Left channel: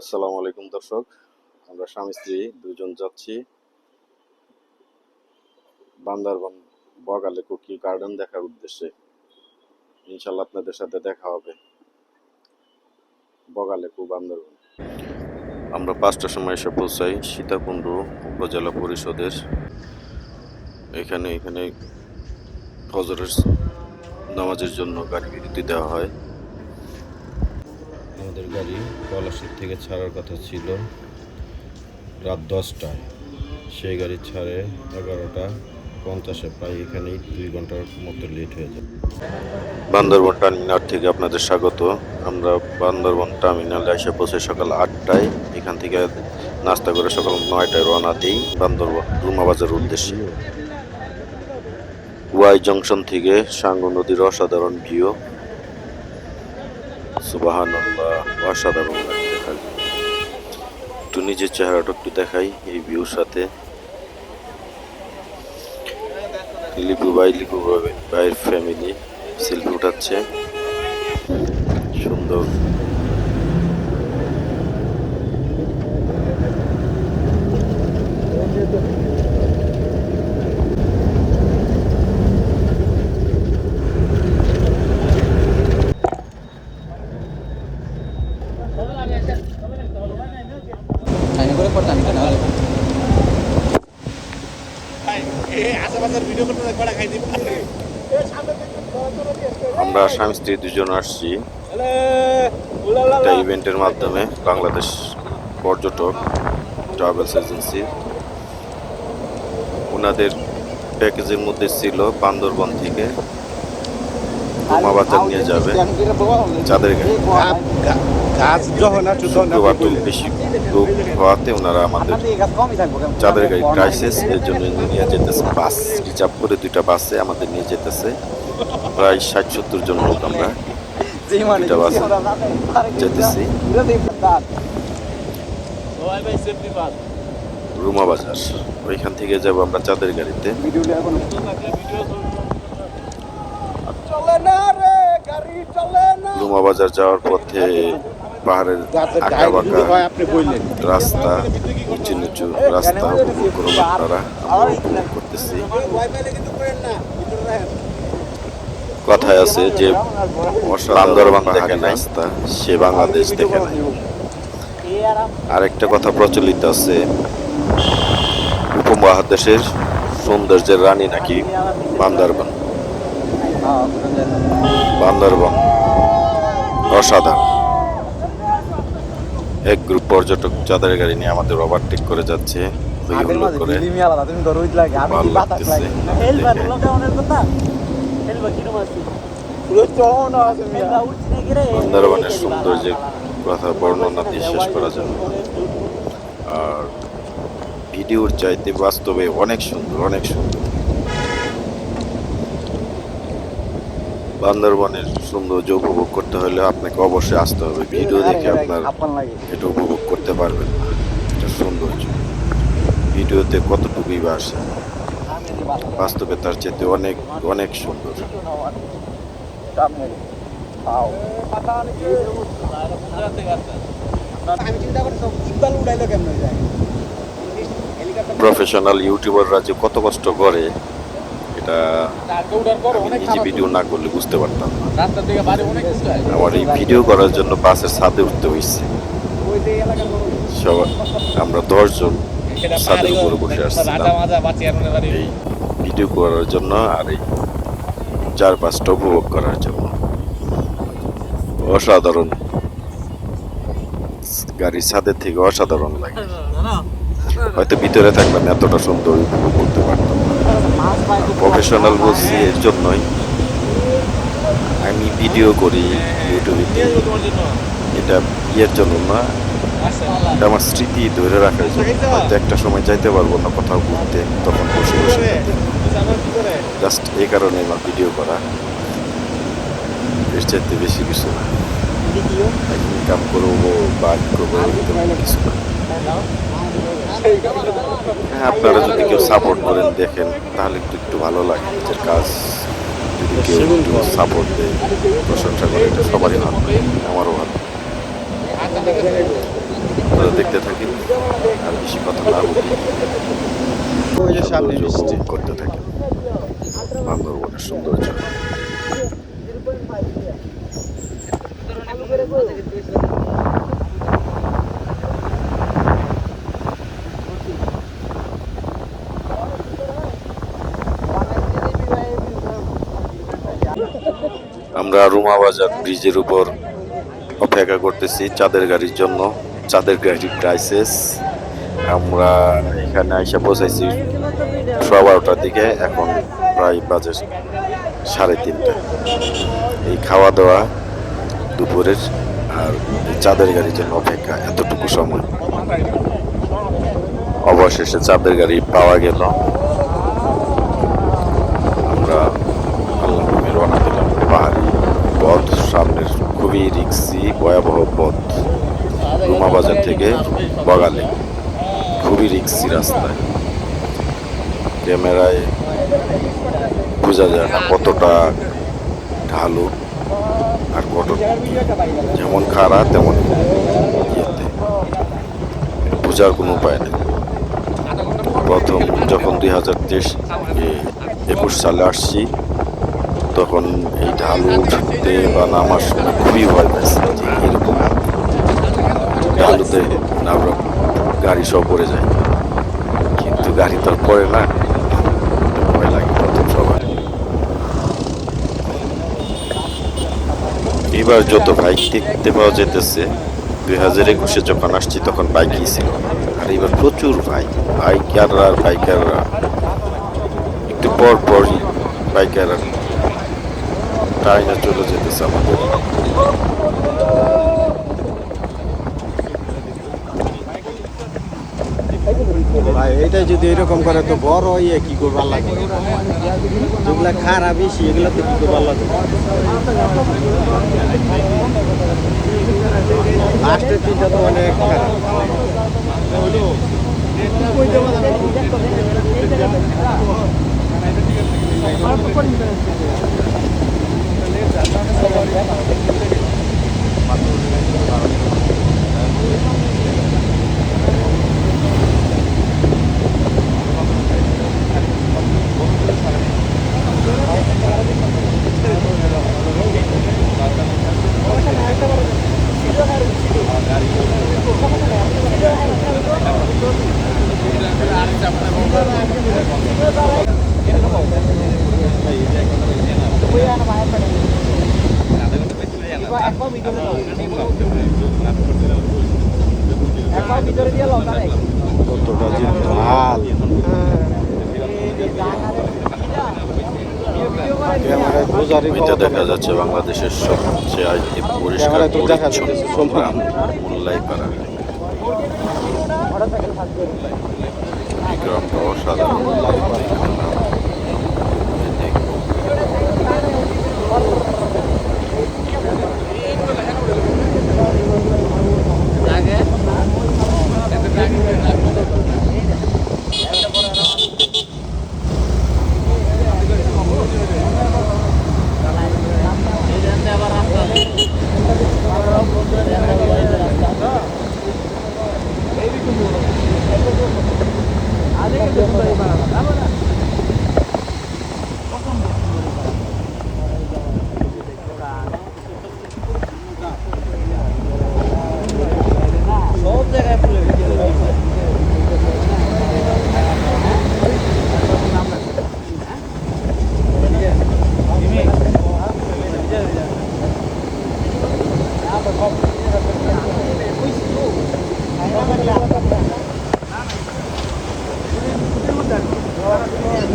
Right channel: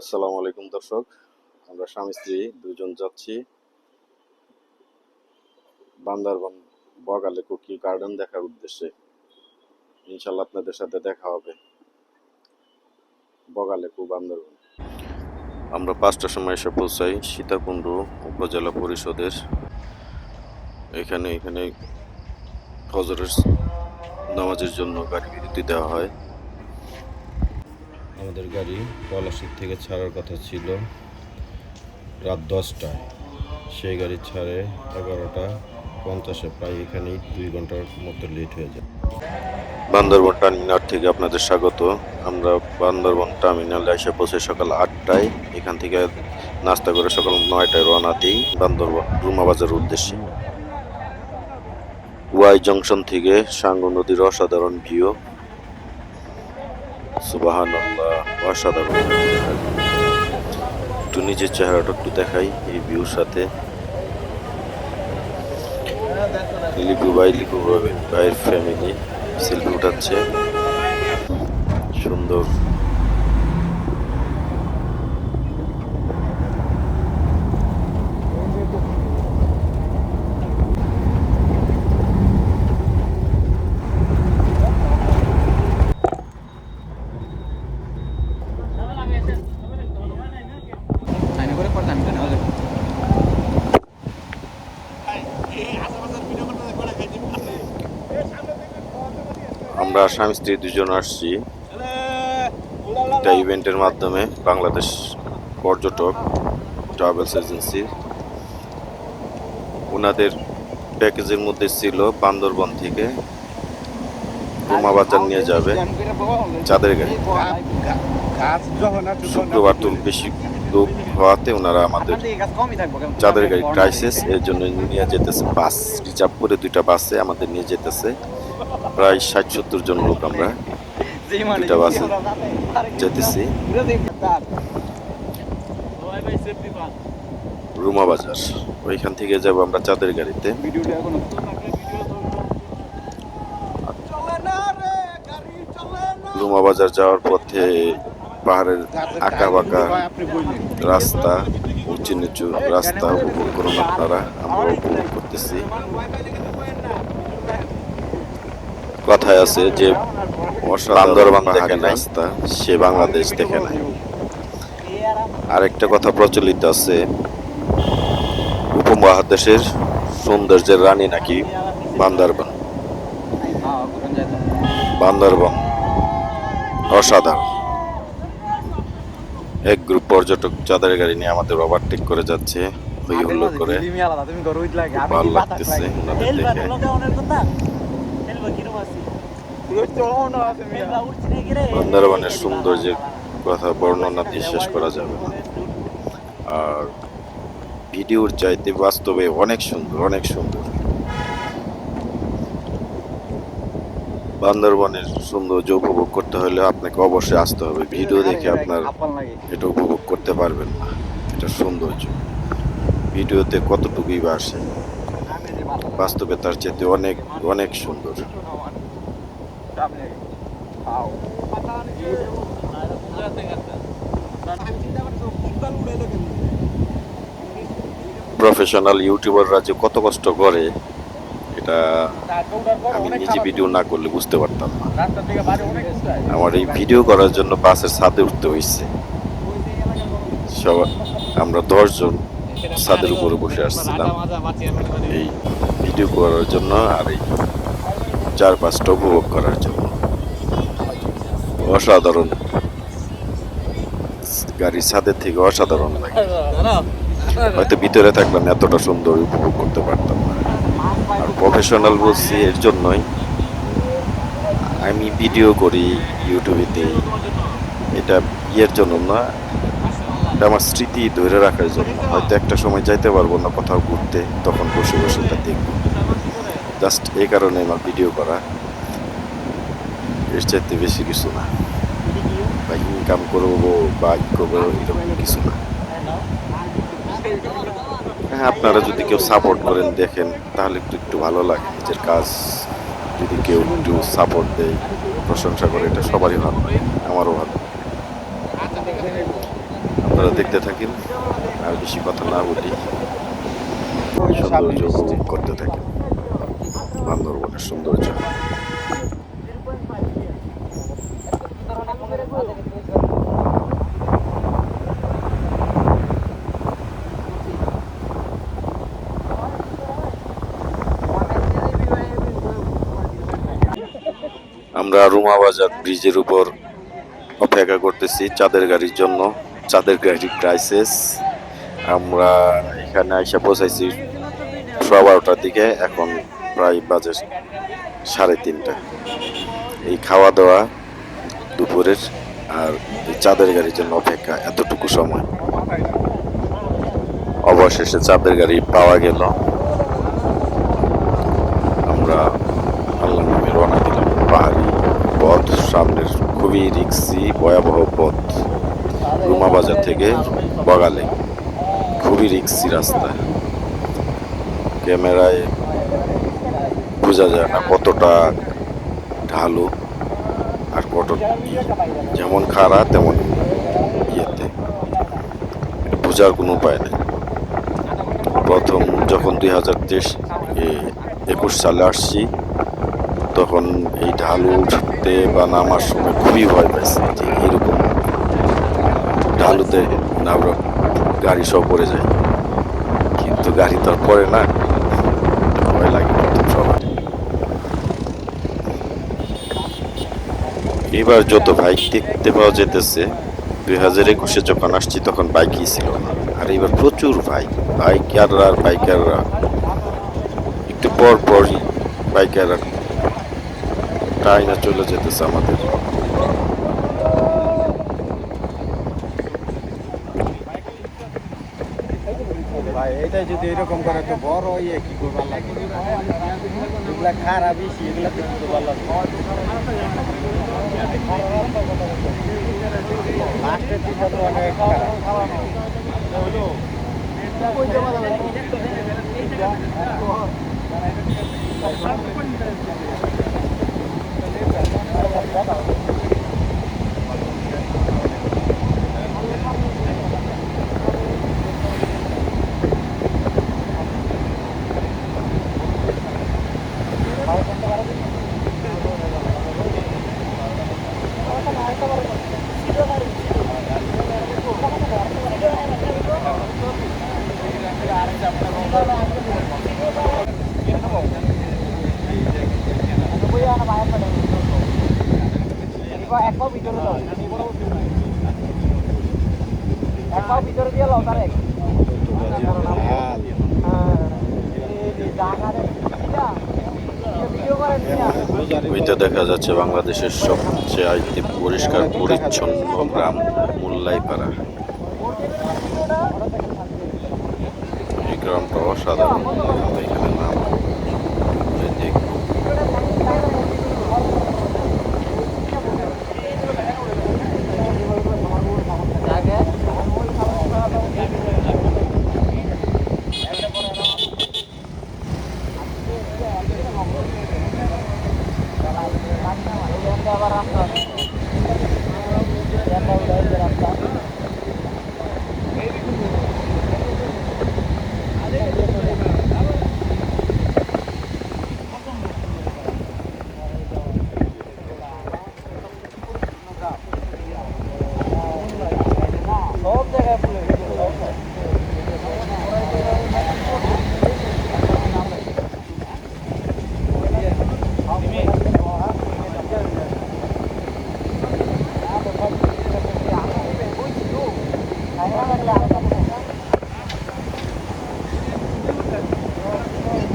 আসসালামু আলাইকুম দর্শক, আমরা স্বামী স্ত্রী দুজন যাচ্ছি বান্দরবান বগালে কোকিল গার্ডেন দেখার উদ্দেশ্যে। ইনশাল্লাহ আপনাদের সাথে দেখা হবে বগালে বান্দরবান। আমরা 5টার সময় এসে পৌঁছাই সীতাকুণ্ড উপজেলা পরিষদের এখানে ফজরের নামাজের জন্য গাড়ি বিরতি দেওয়া হয়। আমাদের গাড়ি পলাশীর থেকে ছাড়ার কথা ছিল রাত 10টায়, সেই গাড়ি ছাড়ে 11টা 50-এ, প্রায় এখানেই 2 ঘন্টার মতো লেট হয়ে যায়। বান্দরবান টার্মিনাল থেকে আপনাদের স্বাগত। আমরা বান্দরবান টার্মিনালে এসে পৌঁছে সকাল 8টায়। এখান থেকে নাস্তা করে সকাল 9টায় রওনা দিই বান্দরবান রুমাবাজার উদ্দেশ্যে। ওয়াই জংশন থেকে সাঙ্গু নদীর অসাধারণ ভিউ, সুবহানাল্লাহ, অসাধারণ দেখার। একটু নিজের চেহারাটা একটু দেখাই এই ভিউর সাথে। লিপু ভাইয়ের ফ্যামিলি সেলফি উঠাচ্ছে, সুন্দর। আমরা স্বামী স্ত্রী দুজন আসছি একটা ইভেন্টের মাধ্যমে, বাংলাদেশ পর্যটক ট্রাভেলস এজেন্সি। ওনাদের প্যাকেজের মধ্যে ছিল বান্দরবান থেকে রুমাবাজার নিয়ে যাবে চাঁদের গাড়ি। শুক্রবার তো বেশি লোক হওয়াতে ওনারা আমাদের চাঁদের গাড়ি ক্রাইসিস এর জন্য নিয়ে যেতেছে, বাস রিজার্ভ করে 2টা বাসে আমাদের নিয়ে যেতেছে। প্রায় 60-70 জন লোক আমরা 2টা বাসে যেতেছি রুমাবাজার। ওইখান থেকে যাব আমরা চাঁদের গাড়িতে। রুমাবাজার যাওয়ার পথে পাহাড়ের আঁকা বাঁকা রাস্তা, উঁচু নিচু রাস্তা উপভোগ করুন আপনারা, আমরা উপভোগ করতেছি। কথায় আছে যে বান্দরবান দেখে নাই রাস্তা, সে বাংলাদেশ দেখে নাই। আরেকটা কথা প্রচলিত আছে, উপমহাদেশের সৌন্দর্যের রানী নাকি বান্দরবান। বান্দরবান অসাধারণ। এক গ্রুপ পর্যটক চাঁদের গাড়ি নিয়ে আমাদের ওভারটেক করে যাচ্ছে, হই হুল্লোড় করে। ভালো লাগতেছে ওনাদের দেখে। বান্দরবানের সৌন্দর্যের কথা বর্ণনা দিয়ে শেষ করা যাবে না। আর ভিডিওর চাইতে বাস্তবে অনেক সুন্দর, অনেক সুন্দর। বান্দরবানের সৌন্দর্য উপভোগ করতে হলে আপনাকে অবশ্যই আসতে হবে। ভিডিও দেখে আপনার এটা উপভোগ করতে পারবেন না, এটা সৌন্দর্য। ভিডিওতে কতটুকুই বা আসে, বাস্তবে তার চেয়ে অনেক অনেক সুন্দর। প্রফেশনাল ইউটিউবাররা যে কত কষ্ট করে এটা আমি নিজে ভিডিও না করলে বুঝতে পারতাম না। আমার এই ভিডিও করার জন্য বাসের ছাদে উঠতে হয়েছে। আমরা 10 জন ছাদের উপরে বসে আসছিলাম এই ভিডিও করার জন্য আর এই চারপাশটা উপভোগ করার জন্য। অসাধারণ, গাড়ির ছাদের থেকে অসাধারণ লাগে। হয়তো ভিতরে থাকলাম এতটা সুন্দর উপভোগ করতে পারতাম না। আর প্রফেশনাল বলছি এর জন্যই, আমি ভিডিও করি ইউটিউবেতে, এটা ইয়ের জন্য না, এটা আমার স্মৃতি ধরে রাখার জন্য। হয়তো একটা সময় যাইতে পারবো না কোথাও ঘুরতে, তখন বসে বসে এটা দেখবো। জাস্ট এই কারণে আমার ভিডিও করা, এর চাইতে বেশি কিছু না। বা ইনকাম করবো বা ই করবো এরকম কিছু না। হ্যাঁ, আপনারা যদি কেউ সাপোর্ট করেন, দেখেন, তাহলে একটু ভালো লাগে। নিজের কাজ যদি কেউ একটু সাপোর্ট দেয়, প্রশংসা করে, এটা সবারই ভালো লাগে, আমারও ভালো লাগে। আপনারা দেখতে থাকেন, আর বেশি কথা না বলি সৌন্দর্য উপভোগ করতে থাকেন বান্দরবনের সৌন্দর্য। আমরা রুমা বাজার ব্রিজের উপর অপেক্ষা করতেছি চাঁদের গাড়ির জন্য। চাঁদের গাড়ির ক্রাইসিস। আমরা এখানে এসে পৌঁছাইছি 12:30টার দিকে, এখন প্রায় বাজে 3:30। এই খাওয়া দাওয়া দুপুরের আর এই চাঁদের গাড়ির জন্য অপেক্ষা এতটুকু সময়। অবশেষে চাঁদের গাড়ি পাওয়া গেল। আমরা আল্লাহ নামে রওনা দিলাম। পাহাড়ি পথ, সামনের খুবই রিক্সি ভয়াবহ পথ। রুমা বাজার থেকে বগালে খুবই রিক্সি রাস্তা। ক্যামেরায় বোঝা যায় না কতটা ঢালু আর কত, যেমন খাড়া তেমন ইয়েতে, এটা বোঝার কোনো উপায় নেই। প্রথম যখন 2021 সালে আসছি, তখন এই ঢালু উঠতে বা নামার সময় খুবই ভয় পাইছি যে এরকম ঢালুতে নামরা গাড়ি সব পড়ে যায়, কিন্তু গাড়ি তো আর পড়ে না, ভয় লাগে প্রথম সবার। এবার যত বাইক দেখতে পাওয়া যেতেছে, 2021 যখন আসছি তখন বাইকই ছিল না, আর এবার প্রচুর বাইকাররা আর বাইকাররা। একটু পর পরই বাইকাররা টাইনা চলে যেতেছে আমাদের। এটা যদি এরকম করে তো বড় ইয়ে কি করবার লাগে, যেগুলা খারাপ বেশি এগুলো তো কি করবার লাগে। লাস্টের দিনটা তো অনেক খারাপ। কতটা যে ঢাল, ওইটা দেখা যাচ্ছে বাংলাদেশের সবচেয়ে পরিষ্কার পরিচ্ছন্ন গ্রাম মুল্লাইপাড়া। এই গ্রামটা অসাধারণ, এখানে নাম দেখবো।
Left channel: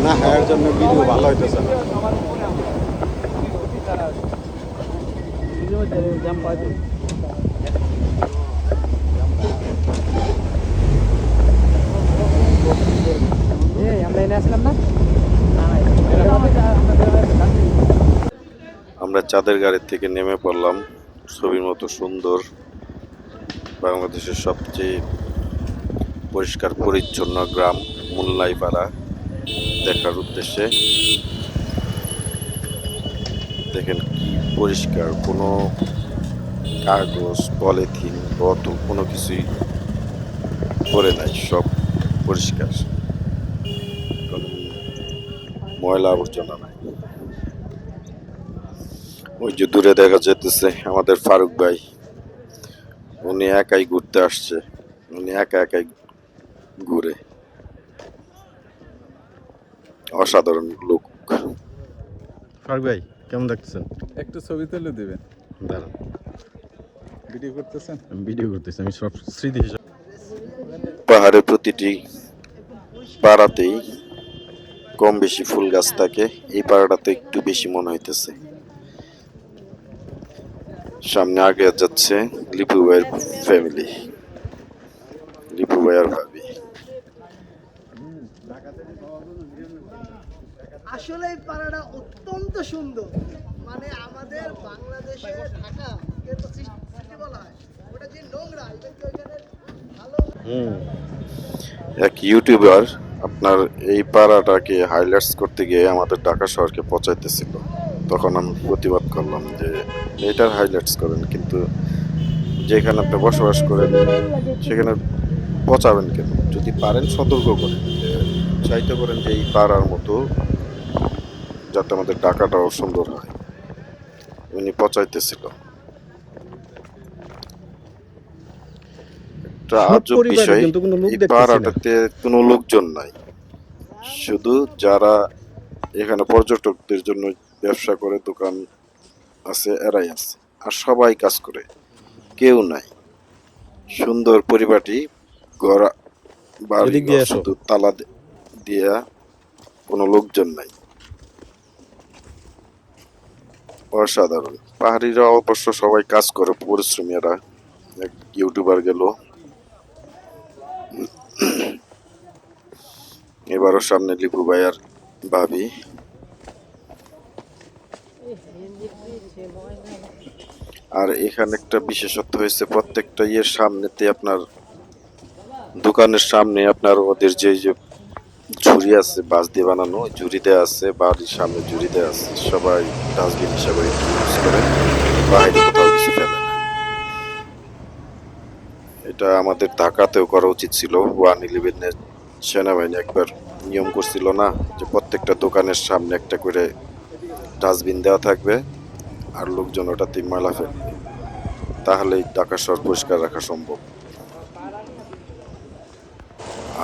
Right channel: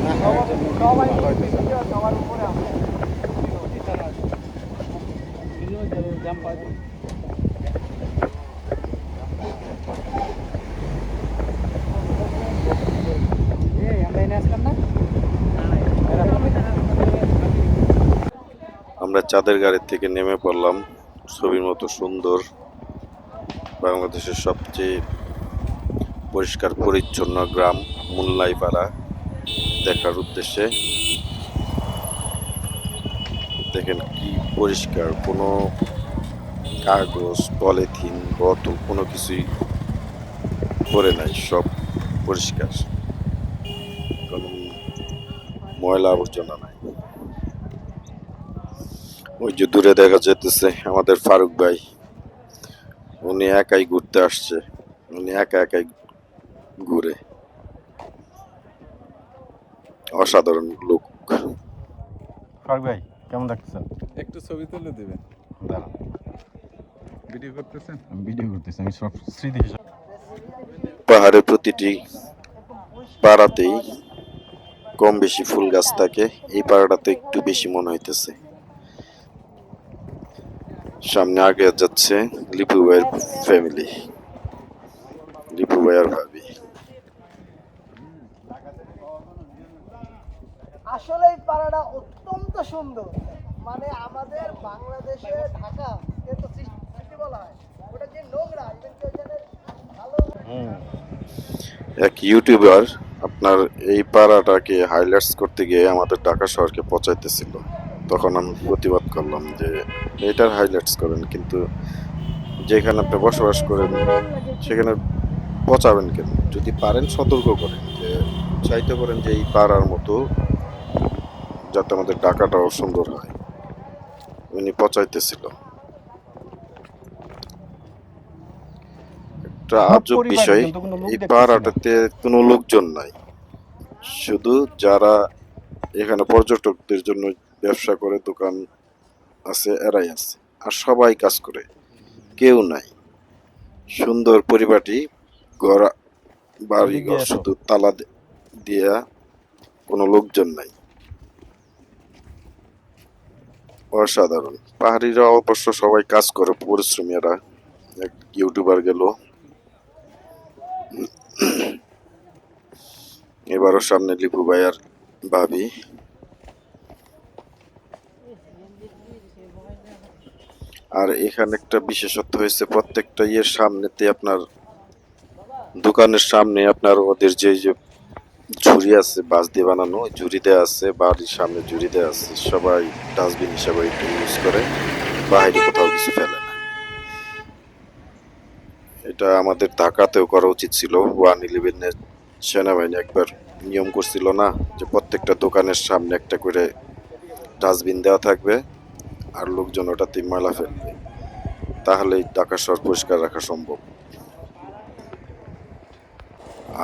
না এর জন্য ভিডিও ভালো হইতেছে না। আমরা চাঁদের গাড়ি থেকে নেমে পড়লাম ছবির মতো সুন্দর বাংলাদেশের সবচেয়ে পরিষ্কার পরিচ্ছন্ন গ্রাম মুল্লাইপাড়া দেখার উদ্দেশ্যে। দেখেন কি পরিষ্কার, কোনো কাগজ পলিথিন বোতল কোনো কিছুই পড়ে নাই, সব পরিষ্কার, কোনো ময়লা আবর্জনা নাই। ওই যে দূরে দেখা যেতেছে আমাদের ফারুক ভাই, উনি একাই ঘুরতে আসছে, উনি একা একাই ঘুরে, অসাধারণ লোক। ফারুক ভাই কেমন লাগতেছেন? একটু ছবি তুলে দিবেন। দাঁড়ান, ভিডিও করতেছেন? আমি ভিডিও করতেছি, আমি সব স্মৃতি হিসাবে। পাহাড়ে প্রতিটি পাড়াতেই কম বেশি ফুল গাছ থাকে, এই পাড়াটাতে একটু বেশি মনে হইতেছে। সামনে আগে যাচ্ছে লিপু ভাইয়ের ফ্যামিলি, লিপু ভাইয়ার ভাবি। আসলে এই পাড়াটা অত্যন্ত সুন্দর, মানে আমাদের বাংলাদেশে ঢাকা কিন্তু সিটি বলা হয়, ওটা যে নোংরা এটা কি ওইখানে ভালো। এক ইউটিউবার আপনার এই পাড়াটাকে হাইলাইটস করতে গিয়ে আমাদের ঢাকা শহরকে পচাইতেছিল, তখন আমি প্রতিবাদ করলাম যে এটার হাইলাইটস করেন, কিন্তু যেখানে আপনি বসবাস করেন সেখানে পচাবেন কেন? যদি পারেন সতর্ক করেন, যে চাইতে পারেন যে এই পাড়ার মতো যাতে আমাদের ঢাকাটাও সুন্দর হয়। উনি পচাইতেছিল। একটা আজব বিষয়, এই পাড়াটাতে কোনো লোকজন নাই, শুধু যারা এখানে পর্যটকদের জন্য ব্যবসা করে, দোকান আছে, এরাই আছে, আর সবাই কাজ করে, কেউ নাই। সুন্দর পরিপাটি ঘর, বাড়ি ঘর, শুধু তালা দিয়া, কোনো লোকজন নাই। অসাধারণ। পাহাড়িরা অবশ্য সবাই কাজ করে, পরিশ্রমী এরা। এক ইউটিউবার গেল, এবারও সামনে লিপু ভাইয়ার ভাবি। আর এখানে একটা বিশেষত্ব হয়েছে, প্রত্যেকটা ইয়ের সামনেতে আপনার দোকানের সামনে আপনার ওদের যে যে ঝুড়ি আছে, বাঁশ দিয়ে বানানো ঝুড়ি দেওয়া আছে, বাড়ির সামনে ঝুড়ি দেওয়া আছে, সবাই ডাস্টবিন হিসাবে একটু ইউজ করে, বাইরে কোথাও কিছু ফেলে না। এটা আমাদের ঢাকাতেও করা উচিত ছিল। 111-এর সেনাবাহিনী একবার নিয়ম করছিল না, যে প্রত্যেকটা দোকানের সামনে একটা করে ডাস্টবিন দেওয়া থাকবে, আর লোকজন ওটাতে ময়লা ফেলবে, তাহলেই ঢাকা শহর পরিষ্কার রাখা সম্ভব।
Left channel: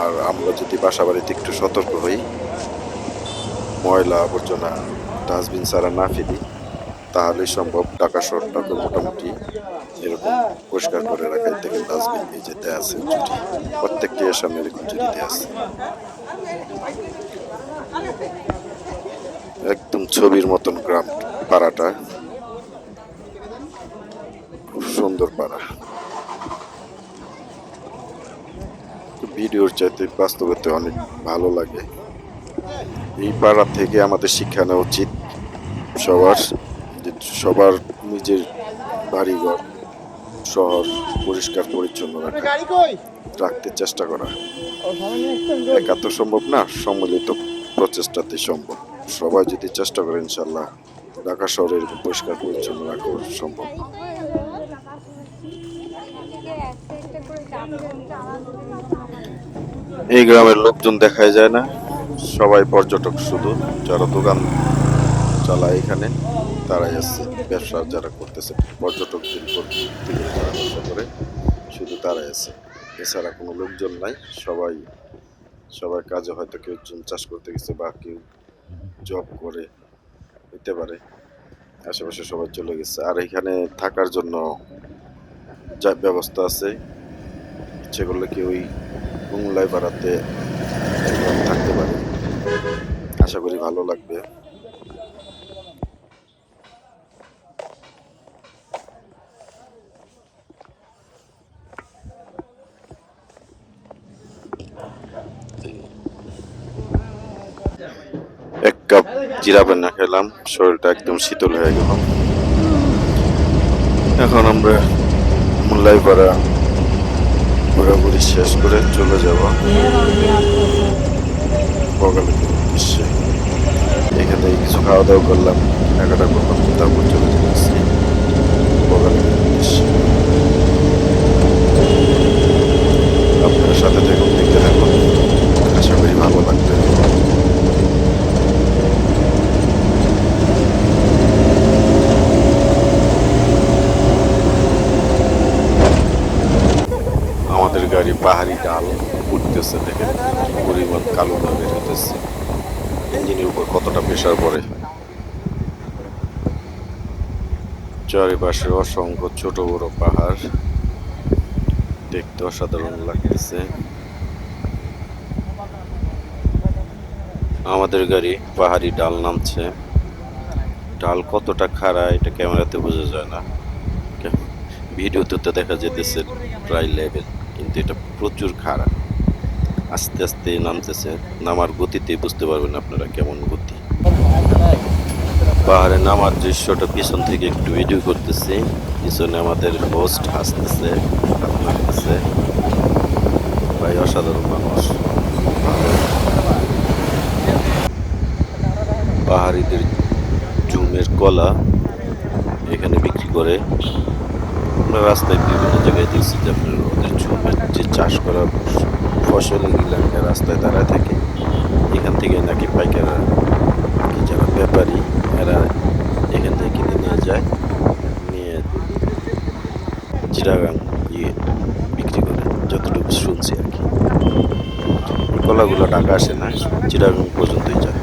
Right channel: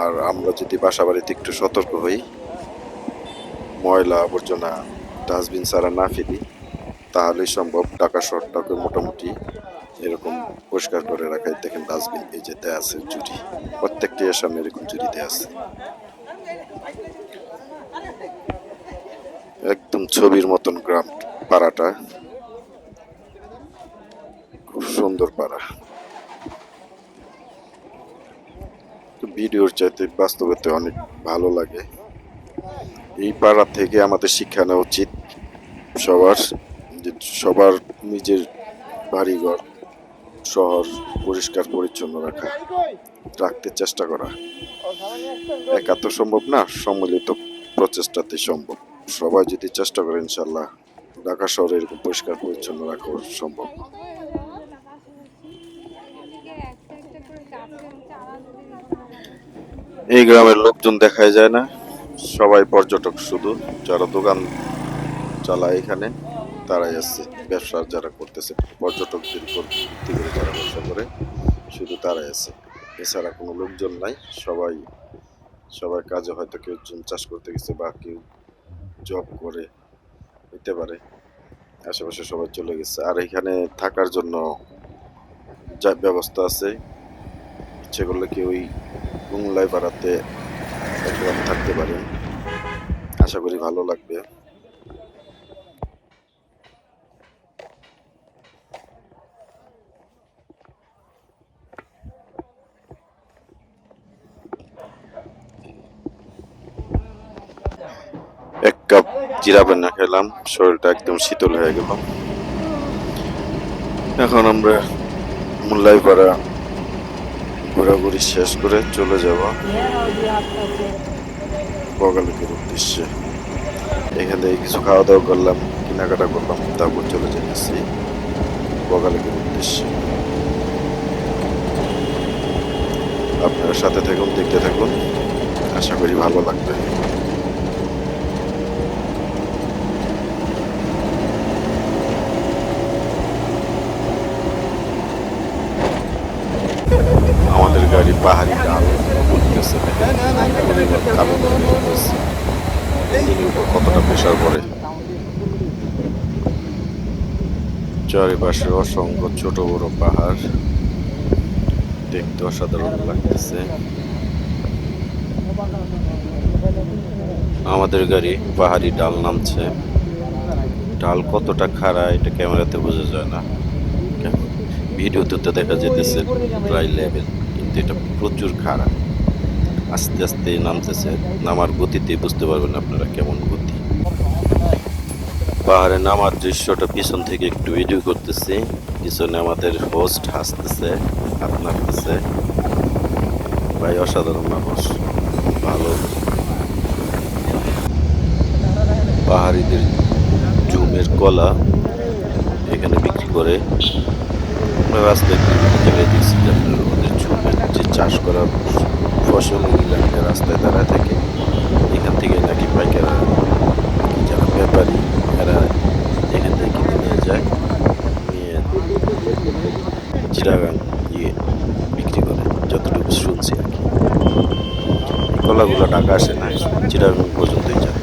আর আমরা যদি বাসা বাড়িতে একটু সতর্ক হই, ময়লা আবর্জনা ডাস্টবিন ছাড়া না ফেলি, তাহলেই সম্ভব ঢাকা শহরটাকে মোটামুটি এরকম পরিষ্কার করে রাখাই। দেখেন ডাস্টবিন এই যে দেয়া আছে, জুড়ি, প্রত্যেকটি এর সামনে এরকম জুড়ি দেয়া আছে, একদম ছবির মতন গ্রাম পাড়াটা, খুব সুন্দর পাড়া। ভিডিওর চাইতে বাস্তবতে অনেক ভালো লাগে। এই পাড়া থেকে আমাদের শিক্ষা নেওয়া উচিত সবার, যে সবার নিজের বাড়িঘর, শহর পরিষ্কার পরিচ্ছন্ন রাখতে চেষ্টা করা। একা তো সম্ভব না, সম্মিলিত প্রচেষ্টাতে সম্ভব। সবাই যদি চেষ্টা করে, ইনশাল্লাহ ঢাকা শহরে এরকম পরিষ্কার পরিচ্ছন্ন রাখা সম্ভব। এই গ্রামের লোকজন দেখাই যায় না, সবাই পর্যটক, শুধু যারা দোকান চালায় এখানে তারাই আছে, ব্যবসা যারা করতেছে পর্যটকদের উপর ভিত্তি করে যারা ব্যবসা করে, শুধু তারাই আছে, এছাড়া কোনো লোকজন নাই। সবাই কাজে, হয়তো কেউ জুম চাষ করতে গেছে বা কেউ জব করে হইতে পারে, আশেপাশে সবাই চলে গেছে। আর এখানে থাকার জন্য যা ব্যবস্থা আছে, ইচ্ছে করলে কেউ ওই কুমলাই পাড়াতে এক রাত থাকতে পারে, আশা করি ভালো লাগবে। এক কাপ জিরা পানি খেলাম, শরীরটা একদম শীতল হয়ে গেল। এখন আমরা মুল্লাইপাড়া ঘোরাঘুরি শেষ করে চলে যাব বগালের উদ্দেশ্যে। এখান থেকে কিছু খাওয়া দাওয়া করলাম, কেনাকাটা করলাম, তারপর চলে যেতেছি বগালের উদ্দেশ্যে। আপনার সাথে থাকুন, দেখতে থাকুন, আশা করি ভালো লাগবে। আমাদের গাড়ি পাহাড়ি ডাল উঠতেছে, দেখেন পরিমাণ কালো দাগ বের হইতেছে। ইঞ্জিনের উপর কতটা প্রেশার পড়ে। চারিপাশে অসংখ্য ছোট বড় পাহাড়, দেখতে অসাধারণ লাগতেছে। আমাদের গাড়ি পাহাড়ি ডাল নামছে। ডাল কতটা খাড়া এটা ক্যামেরাতে বোঝা যায় না, ভিডিওতে তো দেখা যেতেছে প্রায় লেভেল, কিন্তু এটা প্রচুর খাড়া। আস্তে আস্তে নামতেছে, নামার গতিতে বুঝতে পারবেন আপনারা কেমন গতি। পাহাড়ে নামার দৃশ্যটা পিছন থেকে একটু ভিডিও করতেছি। পিছনে আমাদের হোস্ট হাসতেছে, হাত নাড়তেছে। ভাই অসাধারণ মানুষ, ভালো। পাহাড়িদের জুমের কলা এখানে বিক্রি করে। আমরা রাস্তায় বিভিন্ন জায়গায় দেখছি যে আপনার ওদের জুমের যে চাষ করা ফসল এগুলা নিয়ে রাস্তায় দাঁড়ায় থাকে। এখান থেকে নাকি পাইকাররা কি যারা ব্যাপারী এরা এখান থেকে কিনে নিয়ে যায়, নিয়ে চিটাগাং বিক্রি করে, যতটুকু শুনছি আর কি। কলাগুলো ঢাকা আসে না, চিটাগাং পর্যন্তই যায়।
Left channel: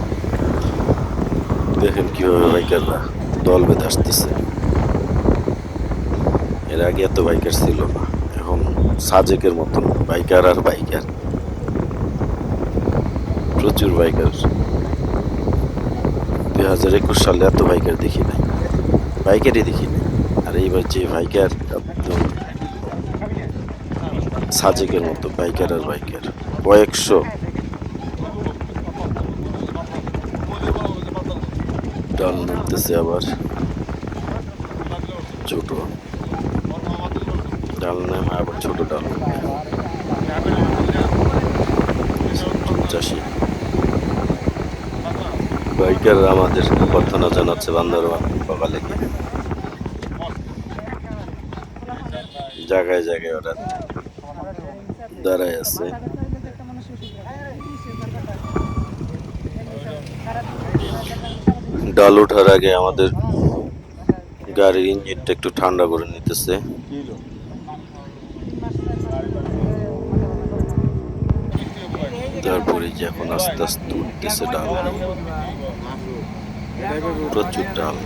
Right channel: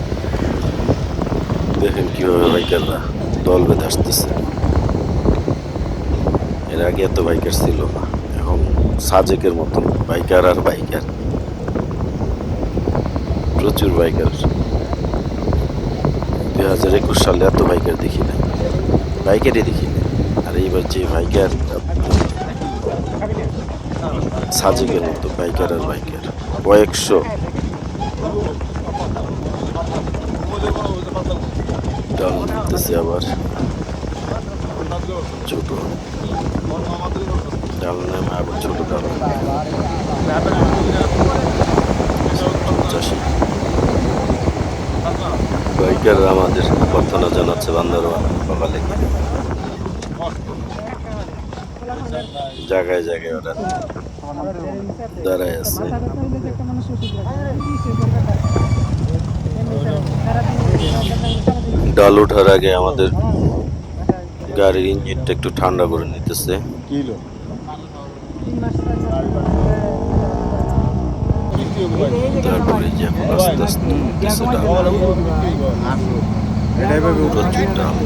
দেখেন কিভাবে বাইকাররা দল বেঁধে আসতেছে। এর আগে এত বাইকার ছিল না, এখন সাজেকের মতন বাইকার আর বাইকার, প্রচুর বাইকার। 2021 সালে এত বাইকার দেখি নাই, বাইকারই দেখি নাই। আর এইবার যে বাইকার একদম সাজেকের মতো বাইকার আর বাইকার, কয়েকশো। ডাল নামতেছে আবার, ছোট ডাল নামে আবার ছোট ডাল। চাষি বাইকার আমাদের প্রার্থনা জানাচ্ছে বান্দরবান বাবা লেগে। জায়গায় জায়গায় ওরা দাঁড়ায় আছে। ডাল ওঠার আগে আমাদের গাড়ির ইঞ্জিনটা একটু ঠান্ডা করে নিতেছে। তারপরে যে এখন আস্তে আস্তে উঠতেছে ডাল, প্রচুর ডাল।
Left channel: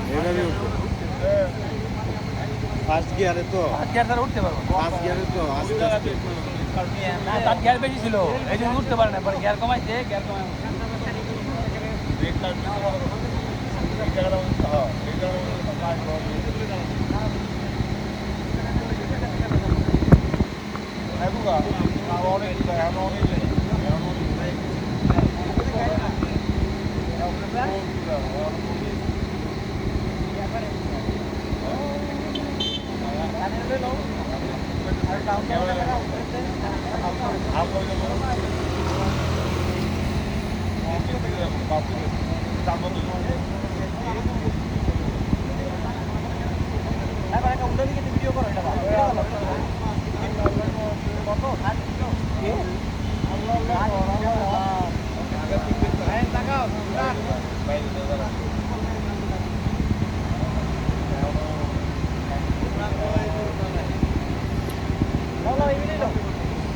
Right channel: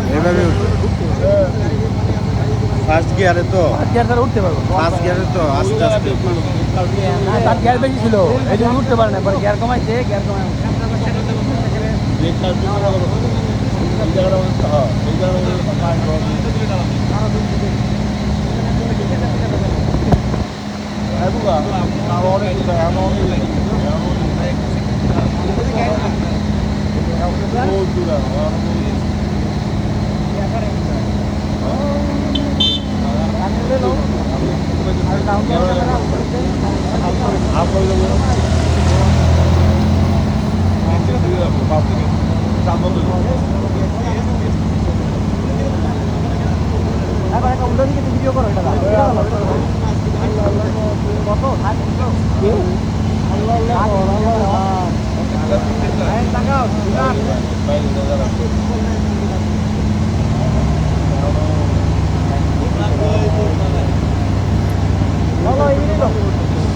ফার্স্ট গিয়ারে তো উঠতে পারবো, ফার্স্ট গিয়ারে তো আস্তে আস্তে তার গিয়ার বেশি ছিল, এই জন্য উঠতে পারে না। পরে গিয়ার কমাইছে, গিয়ার কমাই ভিডিও করো। এটা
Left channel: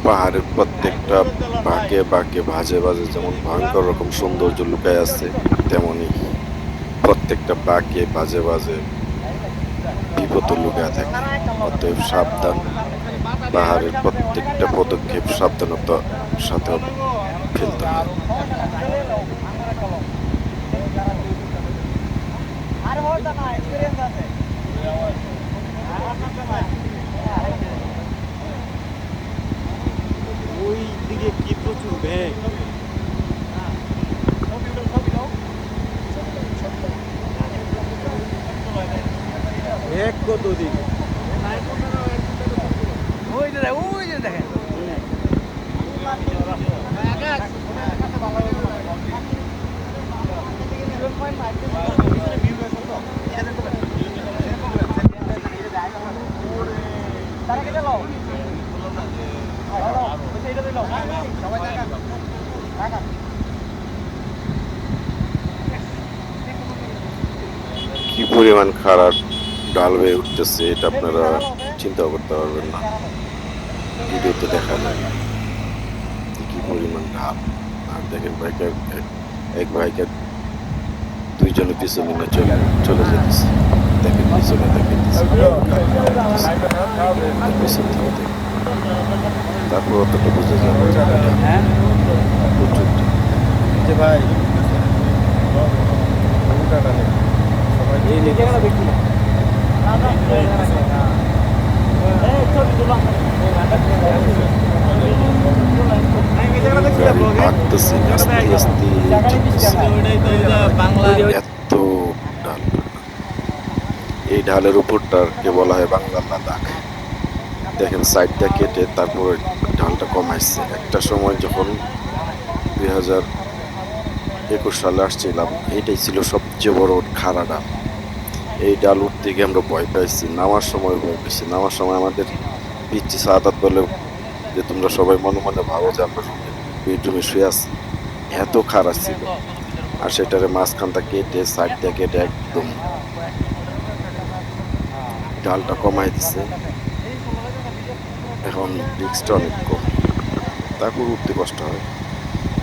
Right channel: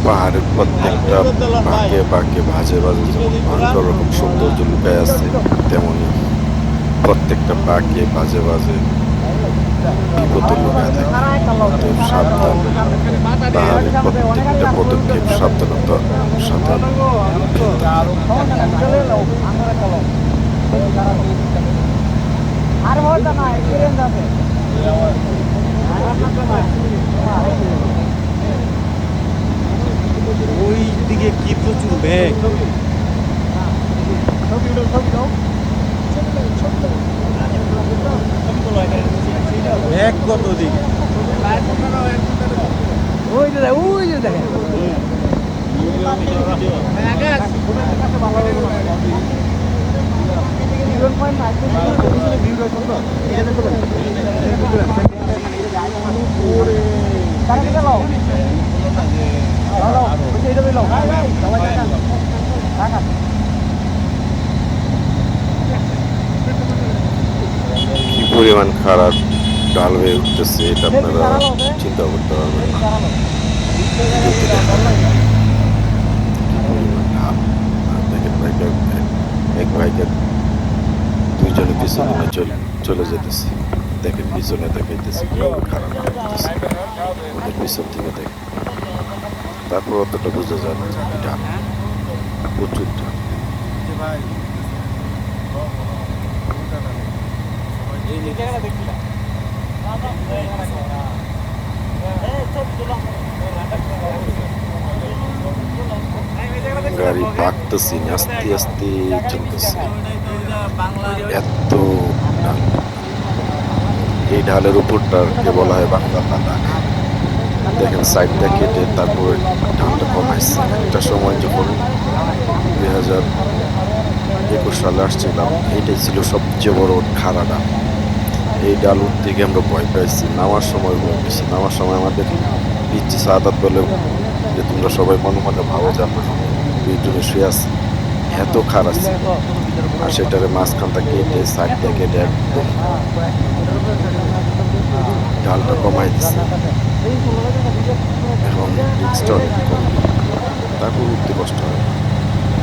পাহাড়ের প্রত্যেকটা বাঁকে বাঁকে ভাজে ভাজে যেমন ভয়ঙ্কর রকম সৌন্দর্য লুকায় আছে, তেমনি প্রত্যেকটা বাঁকে বাজে বাজে বিপদ লুকায় থাকে। অতএব সাবধান, পাহাড়ের প্রত্যেকটা পদক্ষেপ সাবধানতার সাথে ফেলতে হয়। ওই দিকে কি প্রচুর ব্যাগ, ব্যাগ কত দিক ওই যে দেখেন কি পরিমাণ খারাপ ঢাল হয়ে উঠতেছে এটা আপনারা চিন্তা করতে পারবেন না, ভিডিওতে দেখা যায় না কি পরিমাণ ঢাল। আর দেখেন বাইকার এক বাইকার দুইজনে পিছনে না চলে যেতেছে, দেখেন পিছনে দেখাইতেছে খারাপ লাগতেছে ওদের পিছন থেকে দেখেন। তারপর অতটা বোঝা যায় না যে ঢাল প্রচুর ঢাল। যে ভাই উল্টাটা নেই সবাই এই লেগে গাড়ি পাকতেছে আস্তে আস্তে চলতেছে, এত ঢাল। এই ঢালের উপরটাকে বলা হয় বাংলার লাদাখ। দেখেন সাইডটা কেটে তারপর ঢালটা কমাইছে। একটা সময় যখন 2021 সালে আসছিলাম, এইটাই ছিল সবচেয়ে বড় খাড়া ডাল। এই ডাল উঠতে গিয়ে আমরা ভয় পাইছি, নামার সময় ভয় পাইছি। নামার সময় আমাদের পিচ্ছি সাদাত বলে যে তোমরা সবাই মনে মনে ভাবো যে আমরা বেডরুমে শুয়ে আছি, এত খারাপ ছিল। আর সেটারে মাঝখানটা কেটে সাইডটা কেটে একদম ডালটা কমাই দিছে। এখন রিক্সটা অনেক কম, তারপর উঠতে কষ্ট হয়।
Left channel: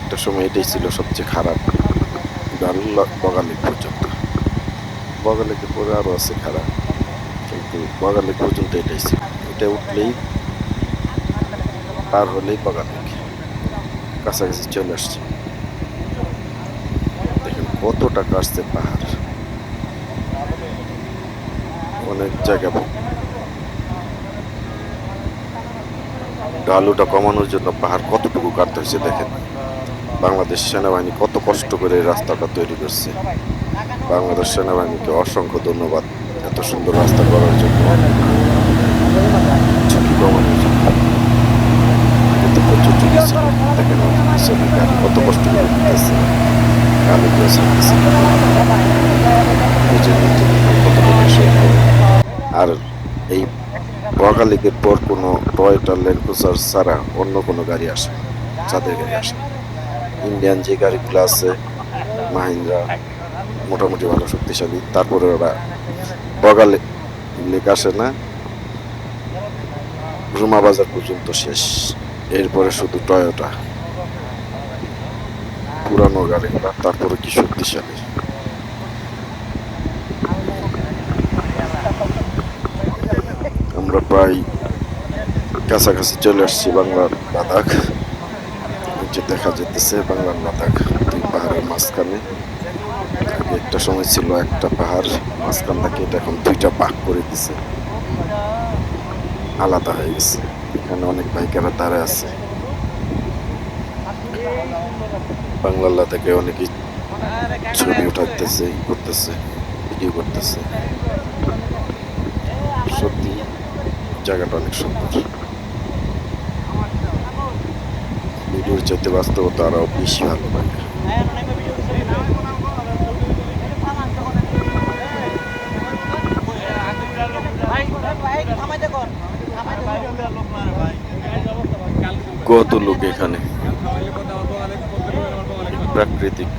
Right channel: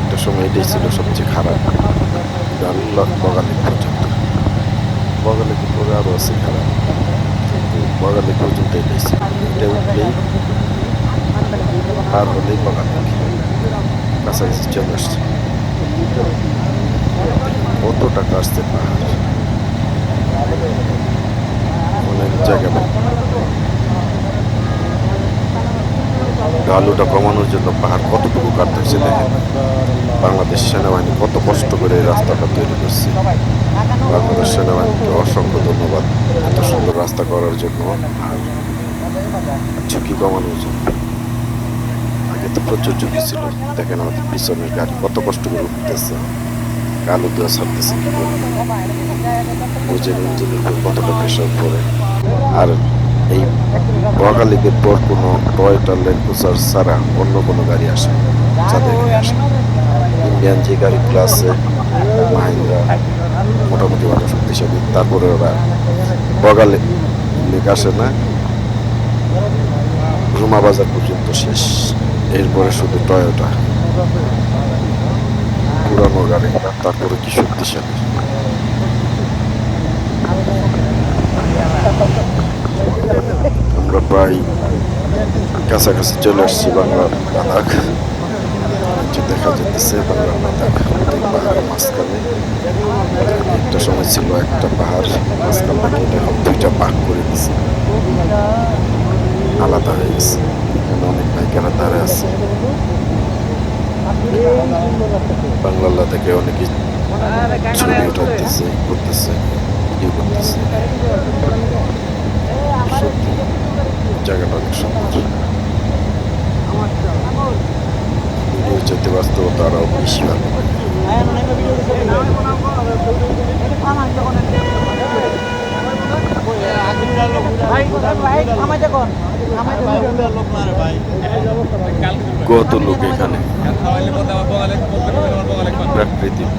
একটা সময় এটাই ছিল সবচেয়ে খারাপ ডাল, বগালেক পর্যন্ত। বগালেকের পরে আরও আছে খারাপ, কিন্তু বগালেক পর্যন্ত এটাই ছিল। এটা উঠলেই পার হলেই বগালেক, কাছাকাছি চলে আসছে। দেখেন কতটা কাটছে পাহাড়, অনেক জায়গা। ঢালুটা কমানোর জন্য পাহাড় কতটুকু কাটতে হয়েছে দেখেন। বাংলাদেশ সেনাবাহিনী কত কষ্ট করে এই রাস্তাটা তৈরি করছে। বাংলাদেশ সেনাবাহিনীকে অসংখ্য ধন্যবাদ এত সুন্দর রাস্তা করার জন্য, ঝুঁকি কমানোর জন্য। আগে তো প্রচুর ঝুঁকি ছিল। দেখেন আমাদের পিছনের গাড়ি কত কষ্ট করে উঠতেছে, কালো দিয়ে ছাড়তেছে কি করে, বুঝেন ইঞ্জিনের উপর কতটা প্রেশার পড়ে। আর এই বগালেকের পর কোনো টয়োটা ল্যান্ড ক্রুজার ছাড়া অন্য কোনো গাড়ি আসে, যাদের গাড়ি আসে। ইন্ডিয়ান যে গাড়িগুলো আছে মাহিন্দ্রা মোটামুটি ভালো শক্তিশালী, তারপরে ওরা বগালেক আসে না, রুমা বাজার পর্যন্ত শেষ। এরপরে শুধু টয়োটা পুরানো গাড়িগুলা, তারপরে কি শক্তিশালী। আমরা প্রায় কাছাকাছি চলে আসছি বাংলার লাদাখ। যে দেখা যেতেছে বাংলার লাদাখ দুই পাহাড়ের মাঝখানে। আগে একটা সময় ছিল একটা পাহাড়, মাঝখানটা কেটে এখন দুইটা ভাগ করে দিছে, আলাদা হয়ে গেছে। এখানে অনেক বাইকাররা দাঁড়ায় আছে। বাংলার লাদাখে অনেকে ছবি উঠাইতেছে, করতেছে, ভিডিও করতেছে। সত্যি জায়গাটা অনেক সুন্দর। ভিডিওর চাইতে বাস্তবতা আরো বেশি ভালো লাগে। কত লোক এখানে প্রাকৃতিক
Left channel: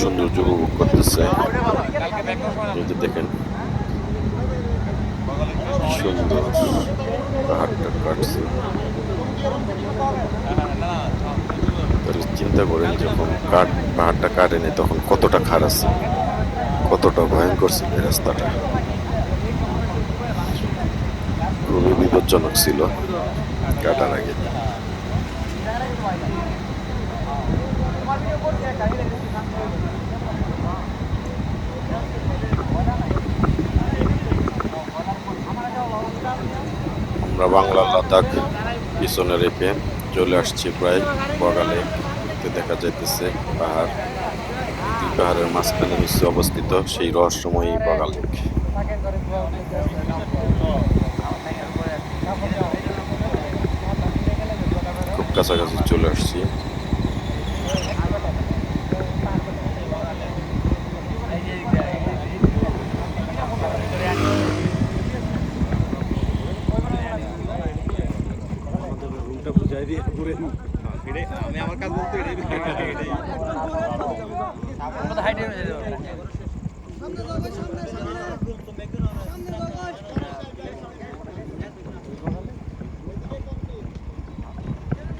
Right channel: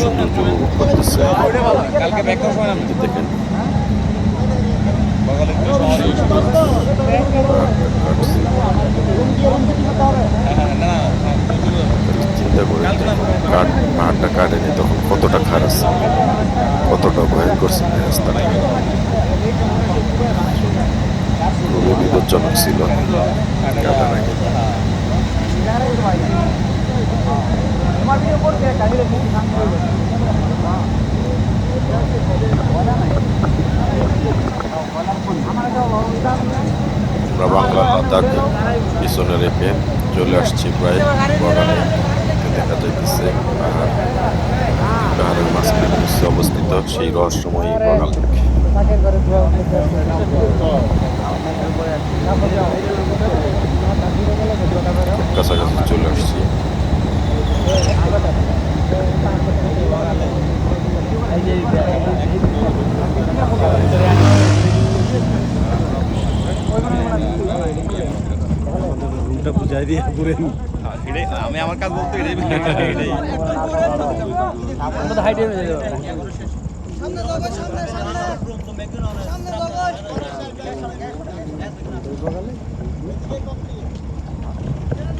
সৌন্দর্য উপভোগ করতেছে। এই যে দেখেন সুন্দর পাহাড়টা কাটছে। তাহলে চিন্তা করেন যখন পাহাড়টা কাটেনি তখন কতটা খারাপ ছিল, কতটা ভয়ঙ্কর ছিল এই রাস্তাটা। খুবই বিপজ্জনক ছিল কাটার আগে। আমরা বাংলার লাদাখ পিছনে রেখে চলে আসছি প্রায় বগালে। দেখা যাইতেছে পাহাড়, পাহাড়ের মাঝখানে নিচে অবস্থিত সেই রহস্যময়ী বগালেক। খুব কাছাকাছি চলে আসছি। বুঝাই দিয়ে ঘুরেন। আমি আমার কাজ বলতে এটাই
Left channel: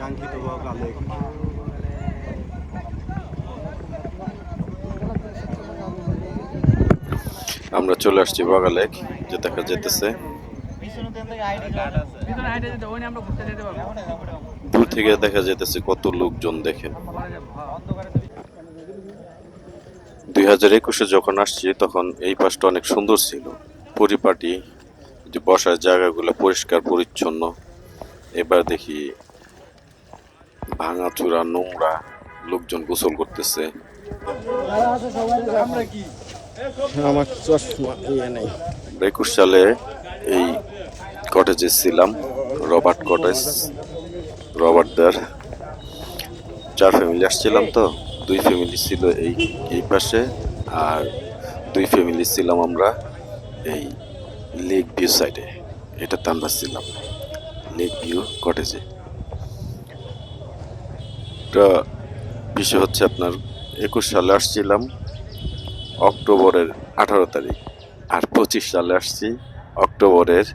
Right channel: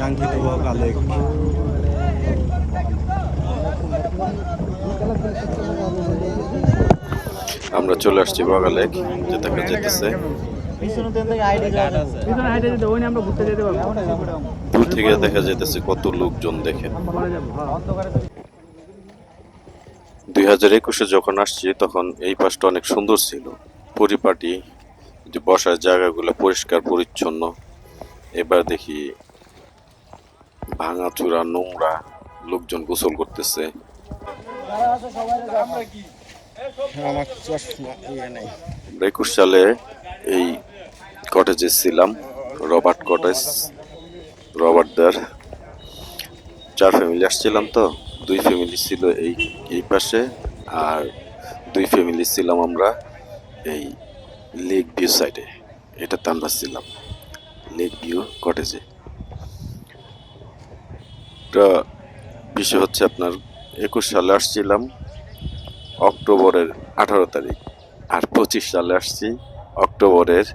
কাঙ্ক্ষিত কালে আমরা চলে আসছি বগা লেক, যে দেখা যেতেছে দূর থেকে দেখা যেতেছে কত লোকজন দেখেন। 2021-এ যখন আসছি তখন এই পাশটা অনেক সুন্দর ছিল, পরিপাটি, যে বসার জায়গাগুলো পরিষ্কার পরিচ্ছন্ন। এবার দেখি ভাঙাচুরা, নোংরা, লোকজন গোসল করতেছে। আমার চশমা নেই। 21 সালে এই কটেজে ছিলাম, রবার্ট কটেজ, রবার্টদার 4 ফ্যামিলি আসছিলাম। তো 2 ফ্যামিলি ছিল এই পাশে, আর 2 ফ্যামিলি ছিলাম আমরা এই লেক ভিউ সাইডে। এটাতে আমরা ছিলাম লেক ভিউ কটেজে। এটা বিষয় হচ্ছে আপনার 21 সালে আসছিলাম অক্টোবরের 18 তারিখ, আর 25 সালে আসছি অক্টোবরের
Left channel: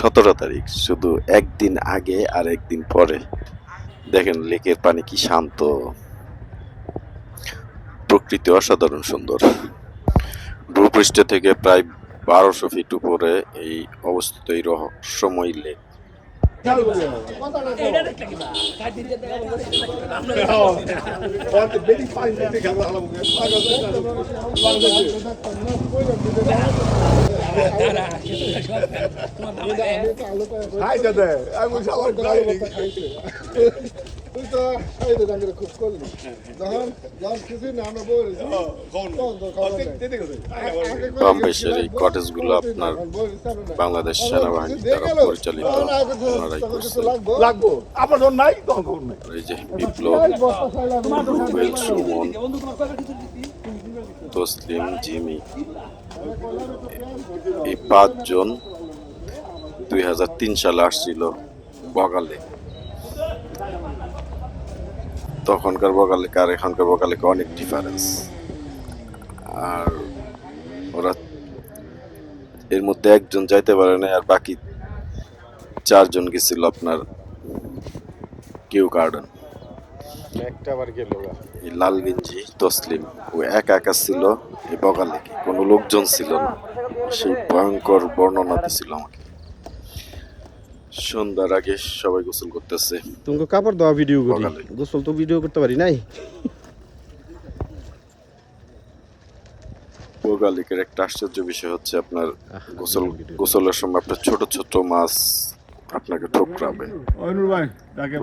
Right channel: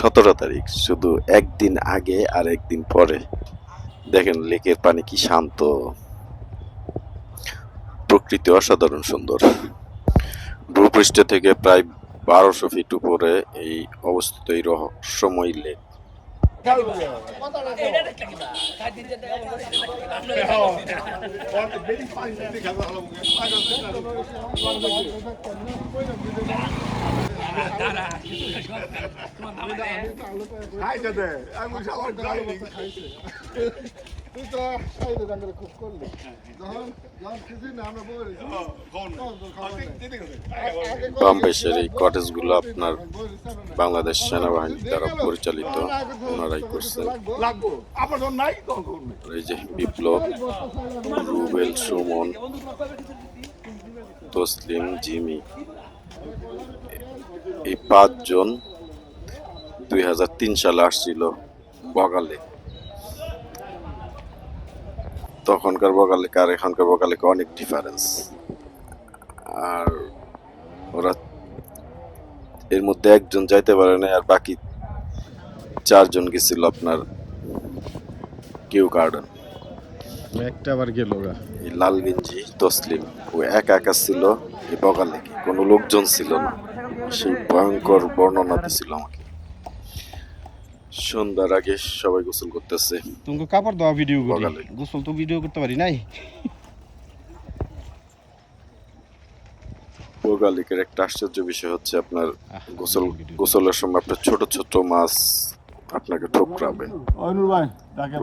17 তারিখ, শুধু একদিন আগে আর একদিন পরে। দেখেন লেকের পানি কি শান্ত, প্রকৃতি অসাধারণ সুন্দর। ভূপৃষ্ঠ থেকে প্রায় 1200 ফিট উপরে এই অবস্থিত এই রহস্যময় লেক। বাম পাশের এই কটেজগুলো আপনার বাংলাদেশ সেনাবাহিনী দ্বারা পরিচালিত, ওনারাই করছেন। এই যে বিপ্লব, রুবেল, সুমন, তসলিম, জিমি, এই 5 জন 2003 সালে আসছিল বগালে। তখনকার বগালেক আর এখনকার বগালেক অনেক ডিফারেন্স। আর ওরা এর মধ্যে একজন যাইতে পারে না, আর বাকি 4 জন গেছিল আপনার কিউ গার্ডেন। একটা আবার গেল এই লাল গেঞ্জি তসলিম, ও একা একা ছিল এই বগালেকে, কোনো লোকজন ছিল না। সেই ভয়ঙ্কর বর্ণনা দিছিল আমাকে। সন্ধ্যার আগে সবাই গোসল করতেছে। তুমি কাপড় দেওয়া ভিডিও করি, বগালে। গোসল তো ভিডিও করতে পারি নাই। বগালেকের একটা আশ্চর্য বিষয় হচ্ছে আপনার গোসলের সময় আপনার ছোট ছোট মাছ আপনাকে ঠোকরাবে।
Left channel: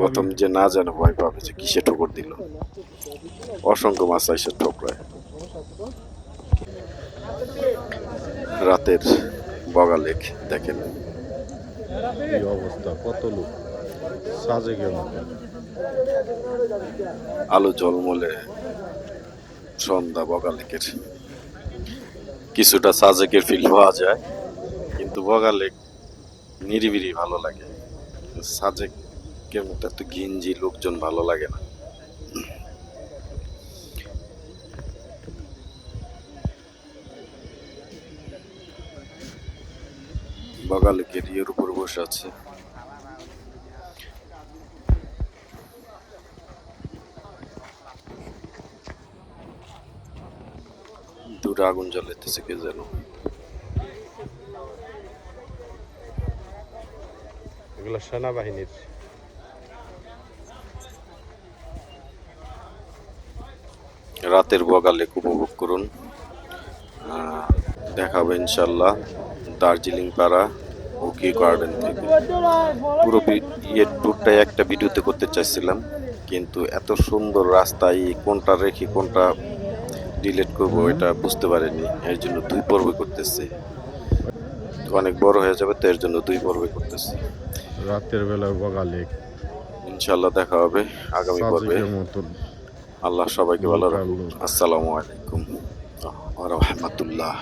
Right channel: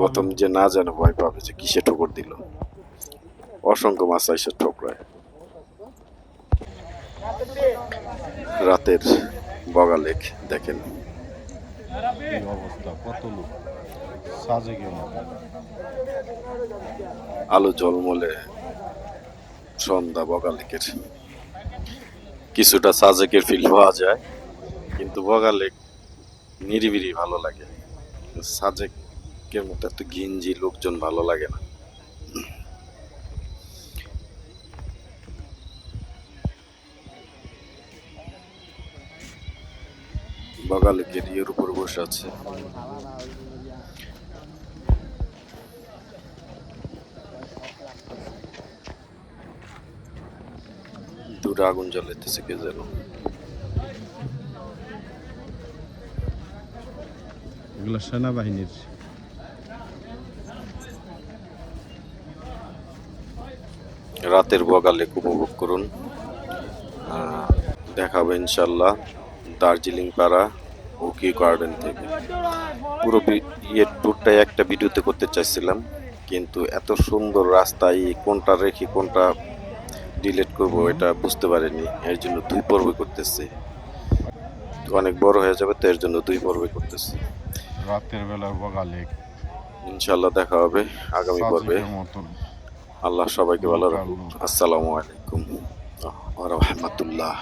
প্রথম যে না জানে ভয় পাবে যে কিসে ঠোকর দিল, অসংখ্য মাছ আইসে ঠোকরায়। রাতের বগালেক দেখেন কি অবস্থা, কত লোক সাজে কেমন। আলো ঝলমলে সন্ধ্যা বগালেকের। কিছুটা সাজেকের ফিল পাওয়া যায়, কিন্তু বগালেক নিরিবিলি ভালো লাগে। সাজেকের মতো এত ঘিঞ্জি লোকজন ভালো লাগে না। বগালেকের ইয়ের উপর বসে আছে। দূরে আগুন জ্বালাইতেছে কে যেন। এগুলো সেনাবাহিনীর। রাতের বগালেক উপভোগ করুন। দেখাবো ইনশাল্লাহ দার্জিলিং পাড়া ওকি গার্ডেন থেকে। পুরো ট্যুরটাই একটা ভিডিওতে করতে চাইছিলাম, কিন্তু এত সুন্দর রাস্তায় কোনটা রেখে কোনটা ডিলিট করব এটা বুঝতে পারিনি। এর জন্য 2 পর্বে করতেছি, অনেক বড় হয়ে যাবে, তো এর জন্য 2 পর্বে করতেছি। রাতের বেলার বগালেক ইনশাল্লাহ দেখা হবে আগামী পর্বে। আল্লাহ সবাইকে ভালো রাখুন। আসসালামু আলাইকুম ওয়া রাহমাতুল্লাহ।